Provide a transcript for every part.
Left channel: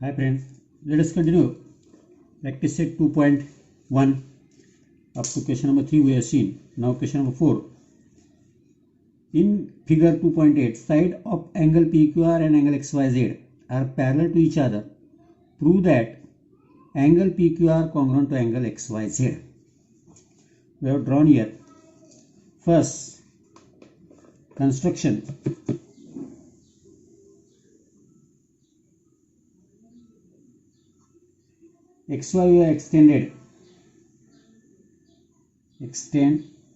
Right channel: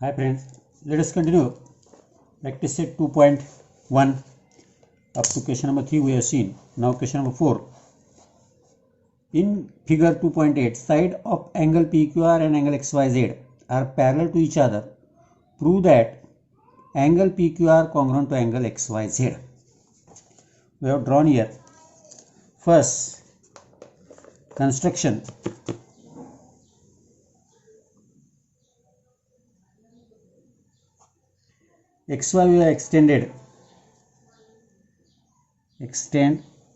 Hi friends, let us continue practice set 2.1 up to question number 3 we have seen. Now question number 4. In figure 2.8, side of angle PQR and angle XYZ are parallel to each other. Prove that angle PQR congruent to angle XYZ. We have drawn here. First, construction. XY we have extend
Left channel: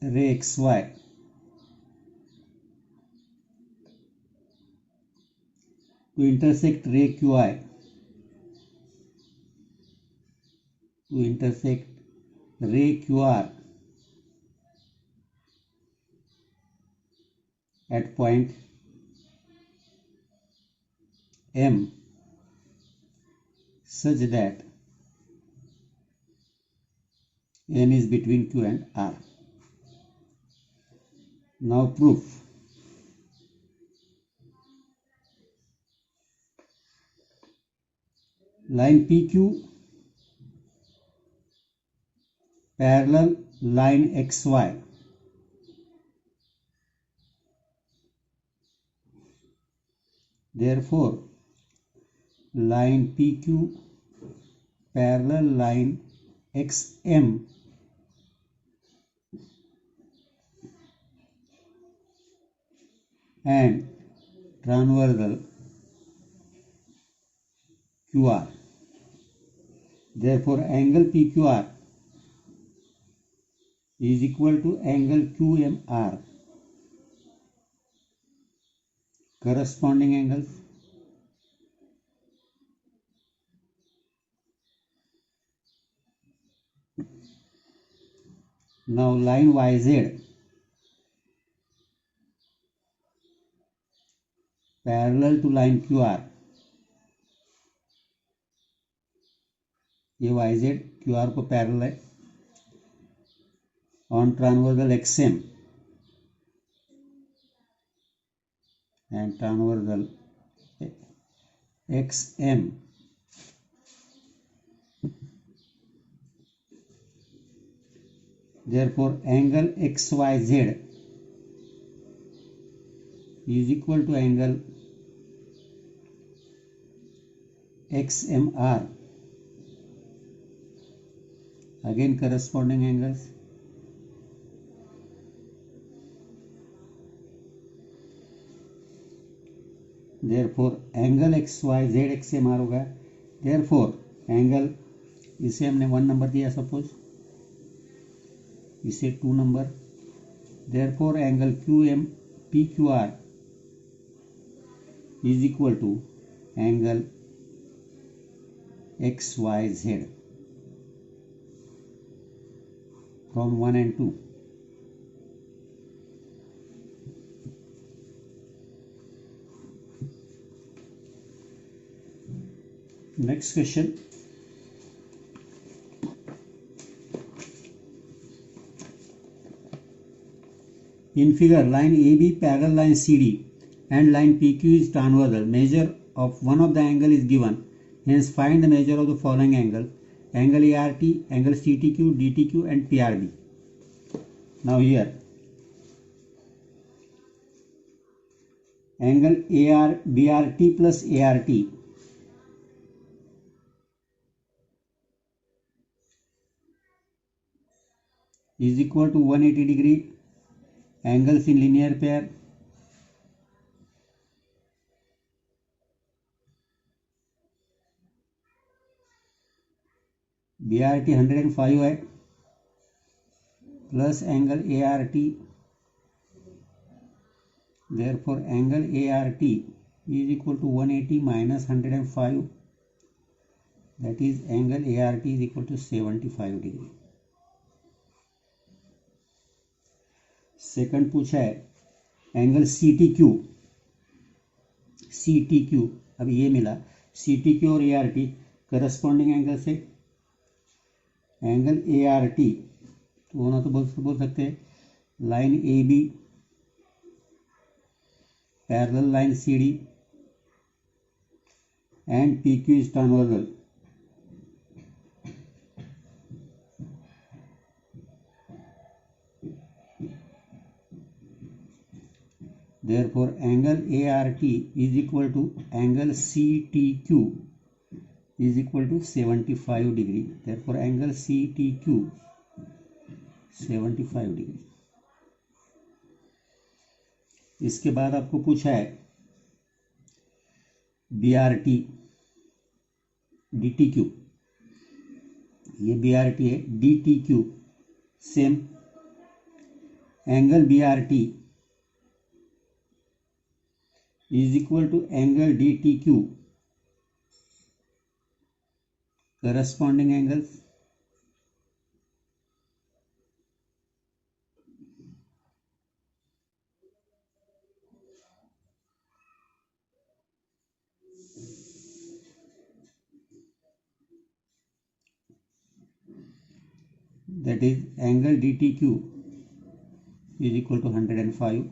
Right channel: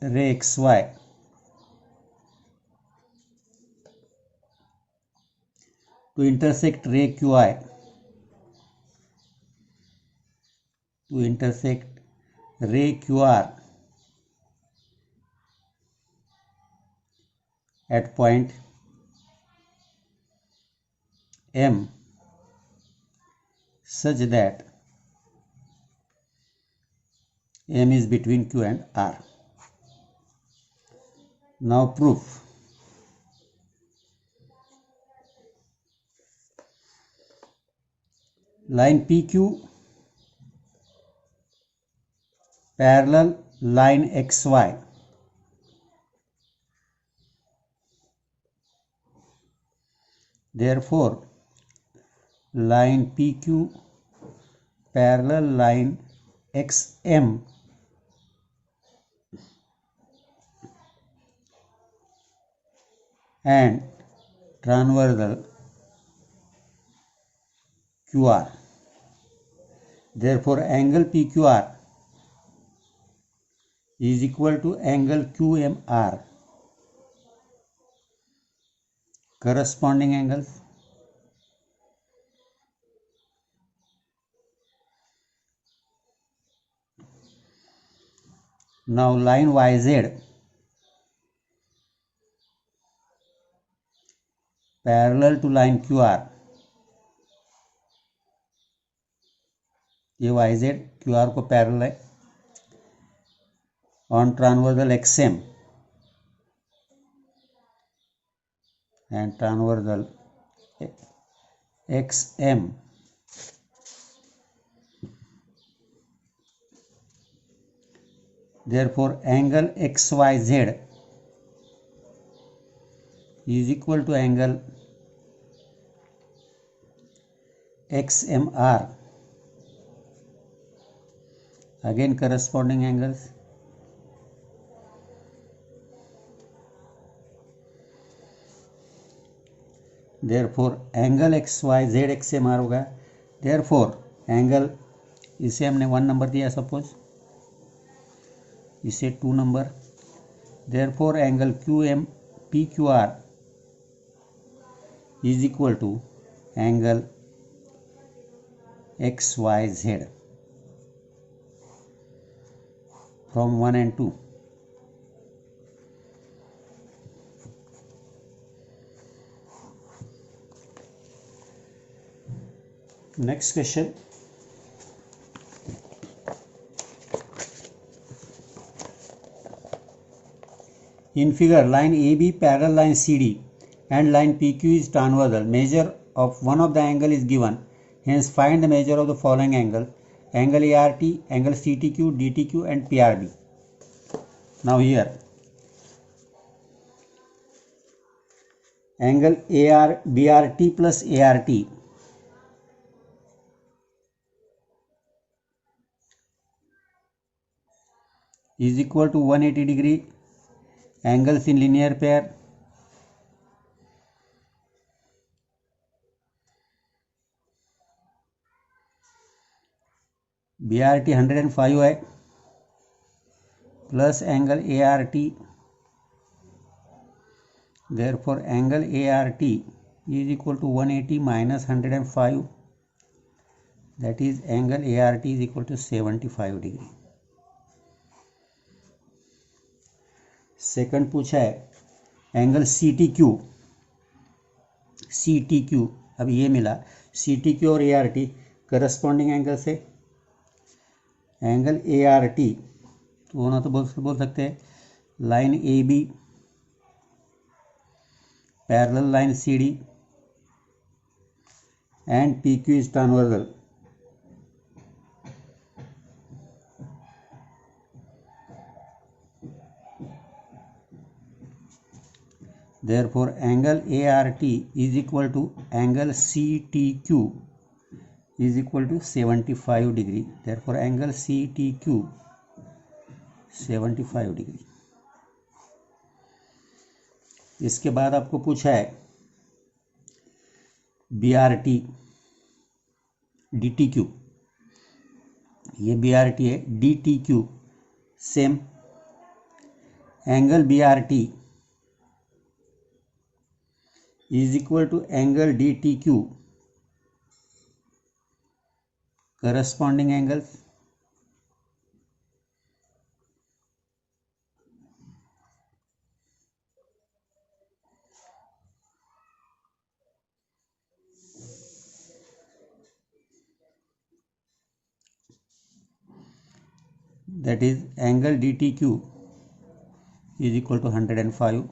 ray XY to intersect ray QI to intersect ray QR at point M such that M is between Q and R. Now proof. Line PQ parallel line XY. Therefore, line PQ parallel line XM and transversal QR. Therefore, angle PQR is equal to angle QMR. Corresponding angles. Now line YZ parallel to line QR. ये YZ QR को parallel है on transversal XM and transversal XM. Therefore, angle XYZ is equal to angle XMR. Again, corresponding angles. Therefore, angle XYZ XMR होगा. Therefore, angle इसे हमने 1 number दिया suppose, इसे 2 number. Therefore, angle QM PQR is equal to angle XYZ from 1 and 2. Next question. In figure, line AB parallel line CD and line PQ is transversal. Measure of one of the angle is given. Hence, find the measure of the following angle: angle ART, angle CTQ, DTQ, and PRB. Now here, angle BRT plus ART is equal to 180 degree. Angles in linear pair. BRT 105 है plus angle ART. Therefore, angle ART is equal to 180 minus 105. That is, angle ART is equal to 75 degree. Second पूछा है angle CTQ. अब ये मिला CTQ और ART corresponding angle से. Angle ART तो होना तो बोल सकते हैं line AB parallel line CD and PQ is transversal. Therefore, angle ART is equal to angle CTQ is equal to 75 degree. Therefore, angle CTQ 75 degree. इसके बाद आपको पूछा है BRT DTQ. ये BRT है, DTQ same. Angle BRT is equal to angle DTQ corresponding angles. That is angle DTQ is equal to 105.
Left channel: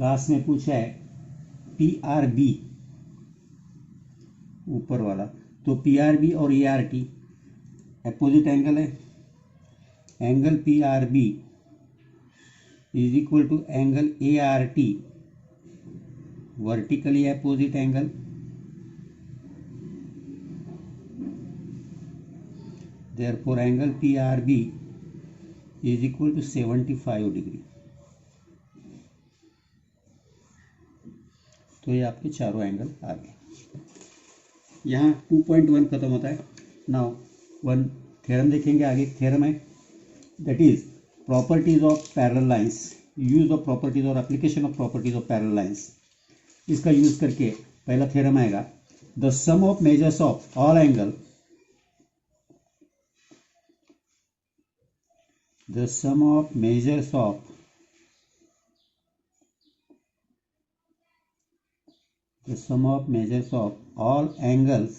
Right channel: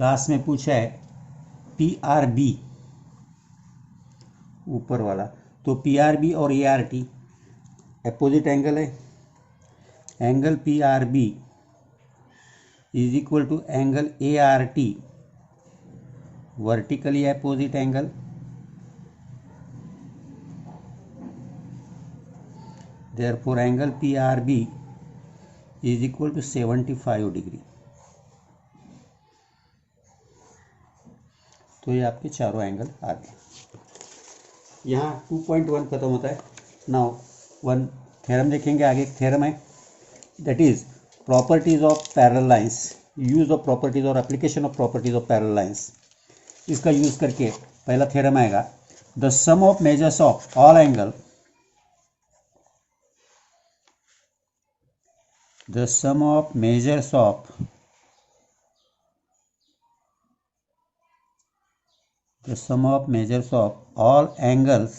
Last में पूछा है PRB ऊपर वाला. तो PRB और ART अपोजिट एंगल है. Angle PRB is equal to angle ART vertically opposite angle. Therefore, angle PRB is equal to 75 degree. तो ये आपके चारों एंगल आ गए. यहाँ 2.1 खत्म होता है. नाउ वन थ्योरम देखेंगे. आगे एक थ्योरम है, that is properties of parallel lines. Use of properties और application of properties of parallel lines. इसका यूज करके पहला थ्योरम आएगा, the sum of measures of all angle, the sum of measures of all angles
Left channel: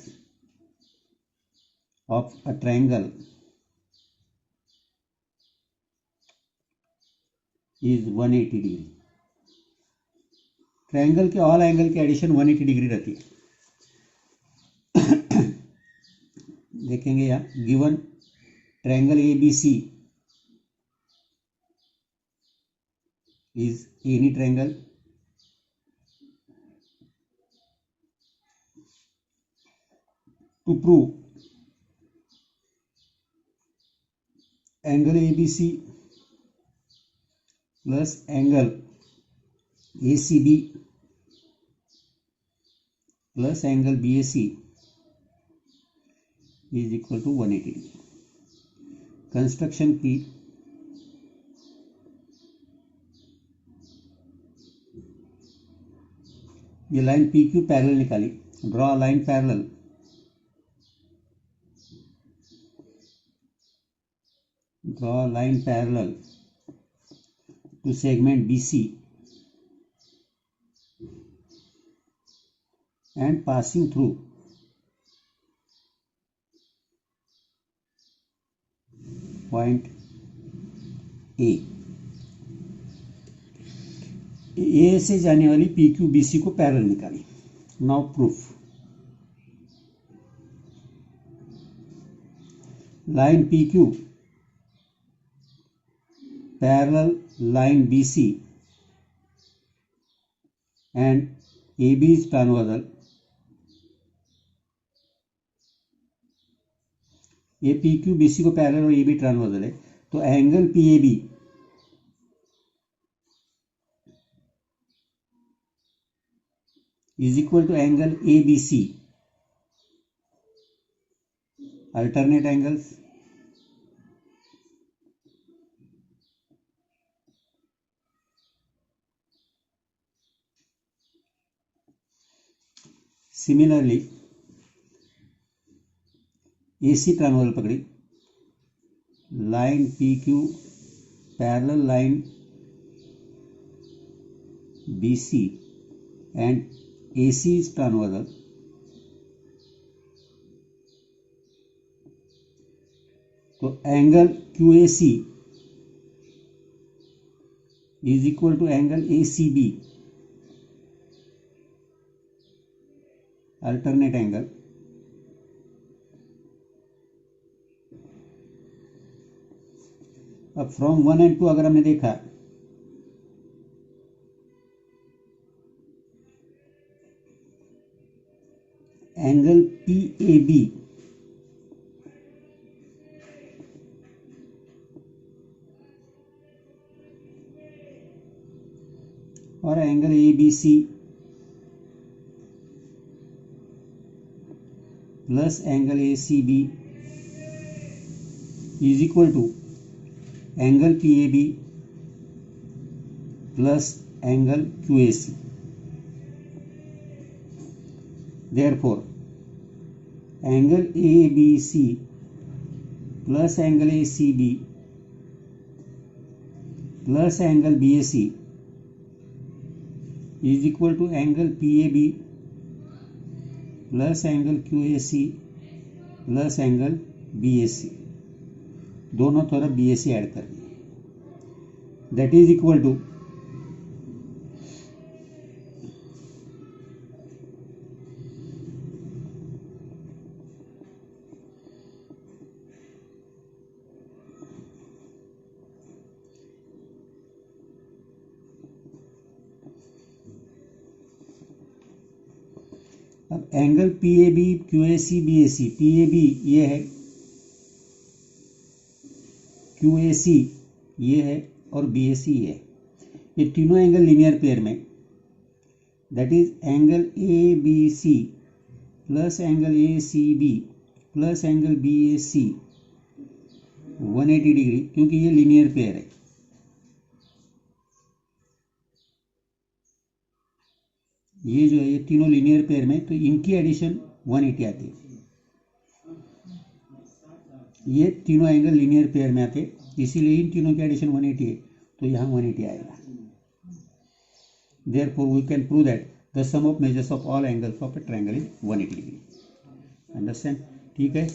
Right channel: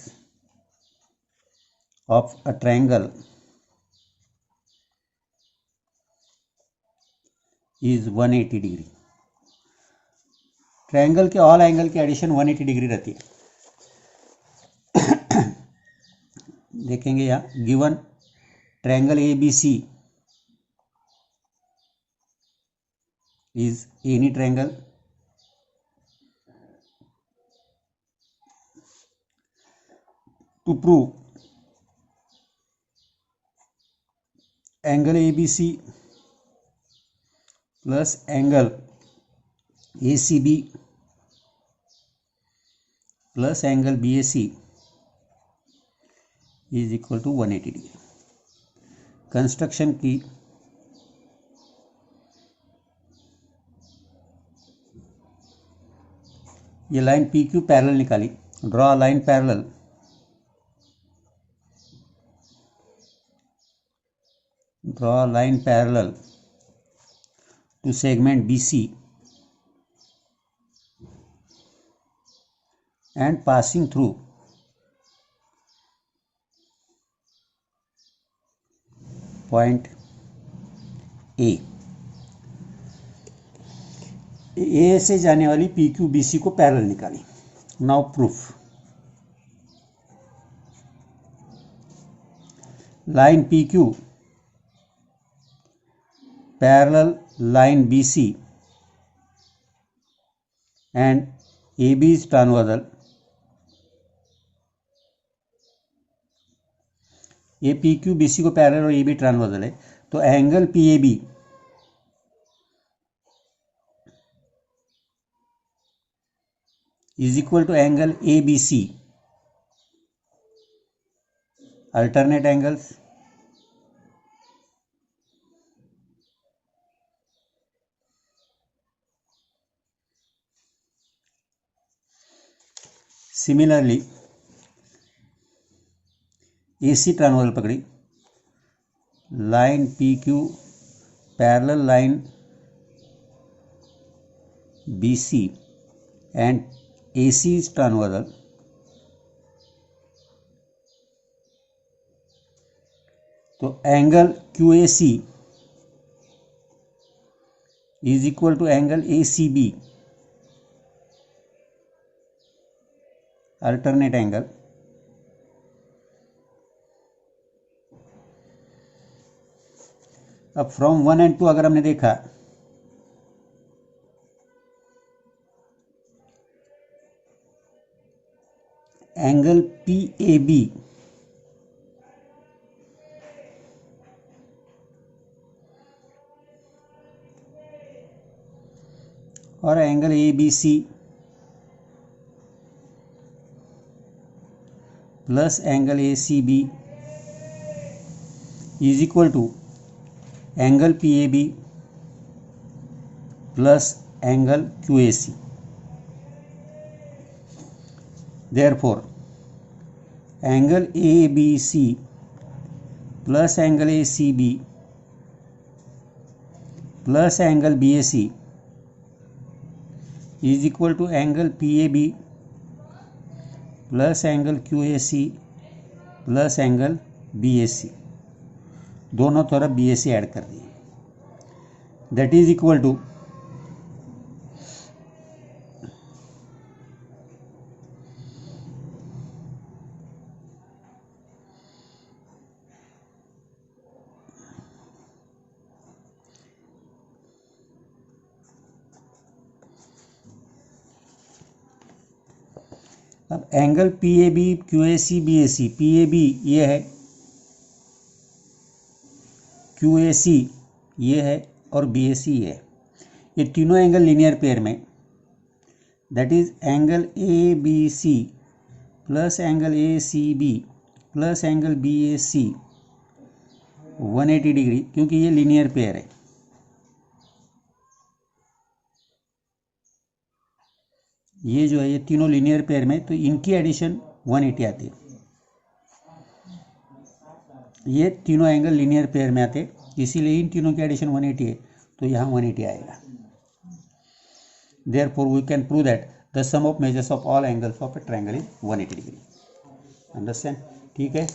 of a triangle is 180 degree. Triangle के all angle की addition 180 degree रहती है. देखेंगे यहाँ given triangle ABC is any triangle to prove angle ABC plus angle ACB plus angle BAC is equal to 180 degree. Construction की ये line PQ parallel निकाली. Draw line parallel to segment BC and passing through point A. A से जाने वाली PQ BC को parallel निकाली. Now proof. Line PQ parallel line BC and AB is transversal. ये PQ BC को parallel और AB transversal है. तो angle PAB is equal to angle ABC. Alternate angles. Similarly, AC transversal पकड़ी. Line PQ parallel line BC and AC is transversal. तो angle QAC is equal to angle ACB alternate angle अब from 1 and 2 अगर हमने देखा angle PAB और angle ABC plus angle ACB is equal to angle PAB plus angle QAC। Therefore angle ABC plus angle ACB plus angle BAC is equal to angle PAB plus angle QAC plus angle BAC। दोनों तरफ BAC add कर दिए, that is equal to अब angle PAB QAC BAC, PAB ये है, QAC ये है और BAC ये है। ये तीनों एंगल लीनियर पेयर में, that is angle ABC plus angle ACB plus angle BAC 180 degree, क्योंकि ये लीनियर पेयर है। ये जो है ये तीनों लीनियर पेयर में, तो इनकी एडिशन 180 आती है। ये तीनों एंगल लीनियर पेयर में आते, इसीलिए इन तीनों की एडिशन 180 है, तो यहाँ 180 आएगा। Therefore we can prove that the sum of measures of all angles of a triangle is 180 degree. Understand? ठीक है।